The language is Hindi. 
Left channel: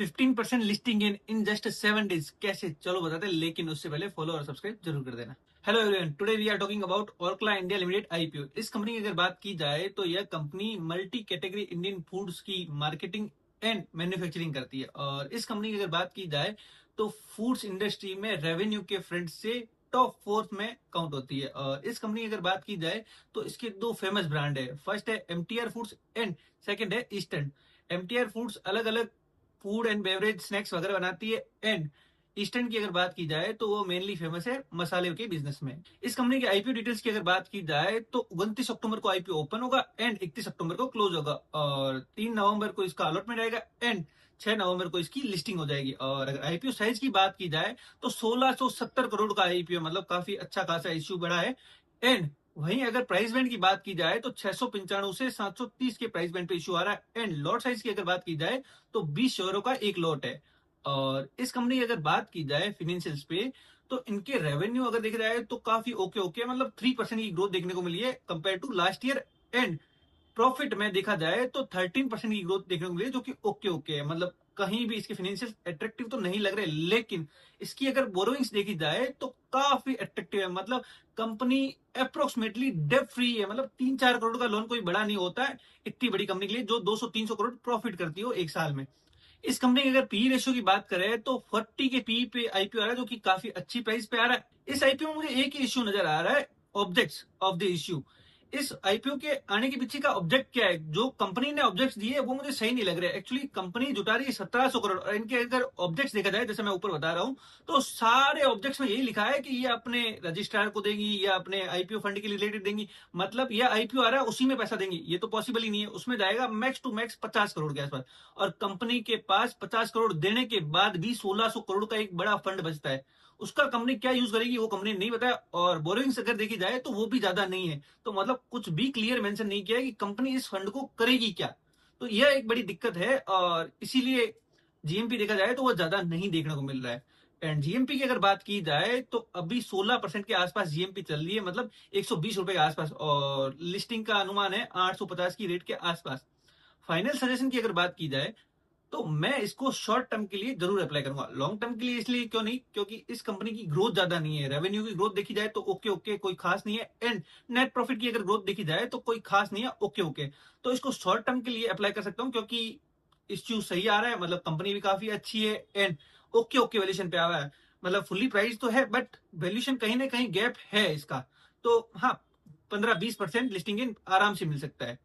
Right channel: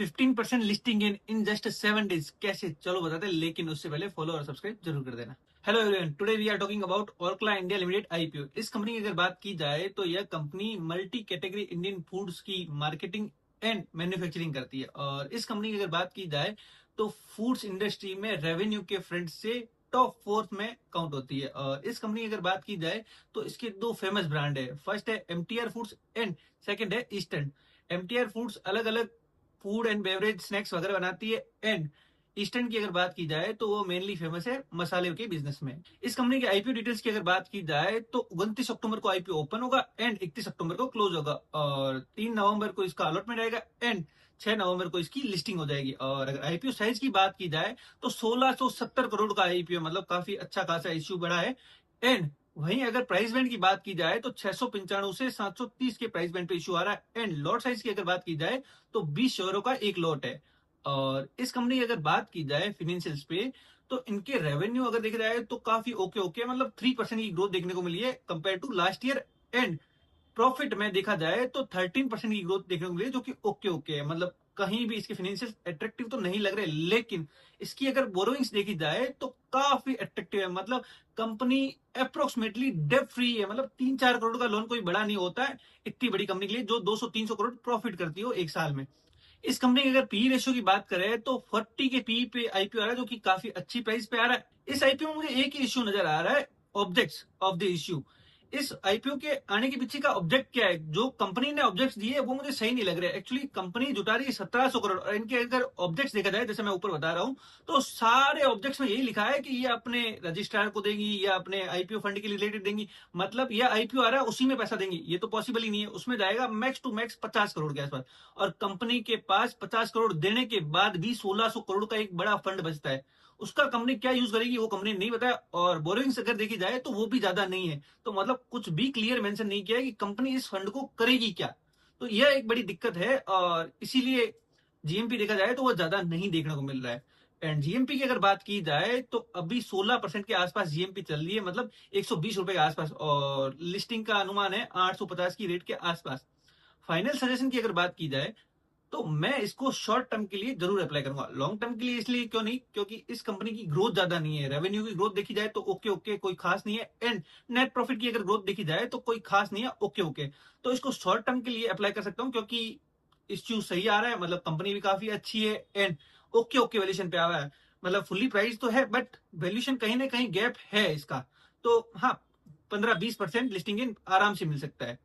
15% लिस्टिंग इन जस्ट 7 days कैसे, चलो बताते हैं, लेकिन उससे पहले फॉलो और सब्सक्राइब जरूर कर देना। Hello everyone, today we are talking about Orkla India limited IPO. इस कंपनी की अगर बात की जाए तो यह company multi category Indian foods की मार्केटिंग एंड मैन्युफैक्चरिंग करती है। और इस कंपनी की अगर बात की जाए तो फूड्स इंडस्ट्री में रेवेन्यू के फ्रंट से टॉप फोर्थ में काउंट होती है। और इस कंपनी की अगर बात की जाए तो इसकी दो फेमस ब्रांड है। फर्स्ट है एमटीआर फूड्स एंड सेकंड है ईस्टर्न। एमटीआर फूड्स अलग अलग फूड एंड बेवरेज स्नैक्स वगैरह बनाती है, एंड ईस्टर्न की अगर बात की जाए तो वो मेनली फेमस है मसाले के बिजनेस में। इस कंपनी के आईपीओ डिटेल्स की अगर बात की जाए तो 29 अक्टूबर को आईपीओ ओपन होगा एंड 31 अक्टूबर को क्लोज होगा। और 3 नवंबर को इसका अलॉटमेंट आएगा एंड 6 नवंबर को इसकी लिस्टिंग हो जाएगी। और अगर आईपीओ साइज की बात की जाए तो 1670 करोड़ का आईपीओ, मतलब काफी अच्छा खासा इश्यू बड़ा है। एंड वहीं अगर प्राइस बैंड की बात की जाए तो 695 से 730 के प्राइस बैंड पे इशू आ रहा है। एंड लॉट साइज की अगर बात की जाए तो 20 शेयरों का एक लॉट है। और इस कंपनी की अगर बात की जाए फाइनेंशियल्स पे तो इनके रेवेन्यू अगर देखा जाए तो काफी ओके ओके, मतलब 3% की ग्रोथ देखने को मिली है compare to last year. And profit में देखा जाए तो 13% की ग्रोथ देखने को मिली, जो कि ओके ओके है। मतलब कहीं भी इसके फाइनेंशियल अट्रैक्टिव तो नहीं लग रहे, लेकिन इसकी अगर बोरोइंग्स देखी जाए तो काफी अट्रैक्टिव है। मतलब कंपनी अप्रोक्सीमेटली डेट फ्री है, मतलब 3-4 करोड़ का लोन कोई बड़ा नहीं होता है इतनी बड़ी कंपनी के लिए, जो 200-300 करोड़ प्रॉफिट करती हो एक साल में। इस कंपनी की अगर पी रेशियो की बात करें तो 40 के पी पे आईपीओ आ रहा है, जो कि काफी अच्छी प्राइस पे आ रहा है। इस आईपीओ में मुझे एक ही इश्यू नजर आ रहा है, ऑब्जेक्ट्स ऑफ द इश्यू। इस आईपीओ के आने के पीछे का ऑब्जेक्ट क्या है, जो कंपनी ने ऑब्जेक्ट्स दिए वो मुझे सही नहीं लग रहा है। एक्चुअली कंपनी जुटा रही है 1700 करोड़, और इनके अगर ऑब्जेक्ट्स देखा जाए जैसे मैं ऊपर बता रहा हूँ तो सारे ऑब्जेक्ट्स में यही लिखा है कि ये अपने रजिस्ट्रार को देंगी या अपने आईपीओ फंड के रिलेटेड देंगी। मतलब ये आईपीओ आ रहा है उसी में पैसा देंगी, ये तो पॉसिबल ही नहीं है। उसमें जाएगा मैक्स टू मैक्स 50 करोड़ के आसपास, और कंपनी के पास 50 करोड़ देने के बाद भी 1600 करोड़ का एक बड़ा फंड बचता है। उसका कंपनी क्या यूज करेगी वो कंपनी नहीं बताया, और बोरोइंग्स अगर देखी जाए तो वो भी ज्यादा नहीं है। तो मतलब कुछ भी क्लियर मेंशन नहीं किया है कि कंपनी इस फंड को करेगी क्या। तो यह एक बड़ी दिक्कत है, और इसीलिए जीएमपी देखा जाए तो वो ज्यादा नहीं देखने को मिल रहा है। एंड जीएमपी की अगर बात की जाए तो अभी 16% के आसपास जीएमपी चल रही है, मतलब 120 रुपए के आसपास, और लिस्टिंग का अनुमान है 850 की रेट के आसपास। फाइनल सजेशन की अगर बात की जाए तो मैं इसको शॉर्ट टर्म के लिए जरूर अप्लाई करूंगा। लॉन्ग टर्म के लिए इसलिए क्यों नहीं, क्योंकि इस कंपनी की ग्रोथ ज्यादा नहीं है। रेवेन्यू की ग्रोथ देखी जाए तो ओके ओके, कोई खास नहीं है। एंड नेट प्रॉफिट की अगर ग्रोथ देखी जाए तो कोई खास नहीं है, ओके ओके। तो इसको शॉर्ट टर्म के लिए अप्लाई कर सकता हूँ, क्योंकि इश्यू सही आ रहा है, मतलब कंपनी भी काफी अच्छी है। एंड ओके ओके वैल्यूएशन पे आ रहा है, मतलब फुल्ली प्राइस तो है बट वैल्यूएशन कहीं ना कहीं गैप है इसका। तो हाँ, 15-20% लिस्टिंग इन आराम से मिल सकता है।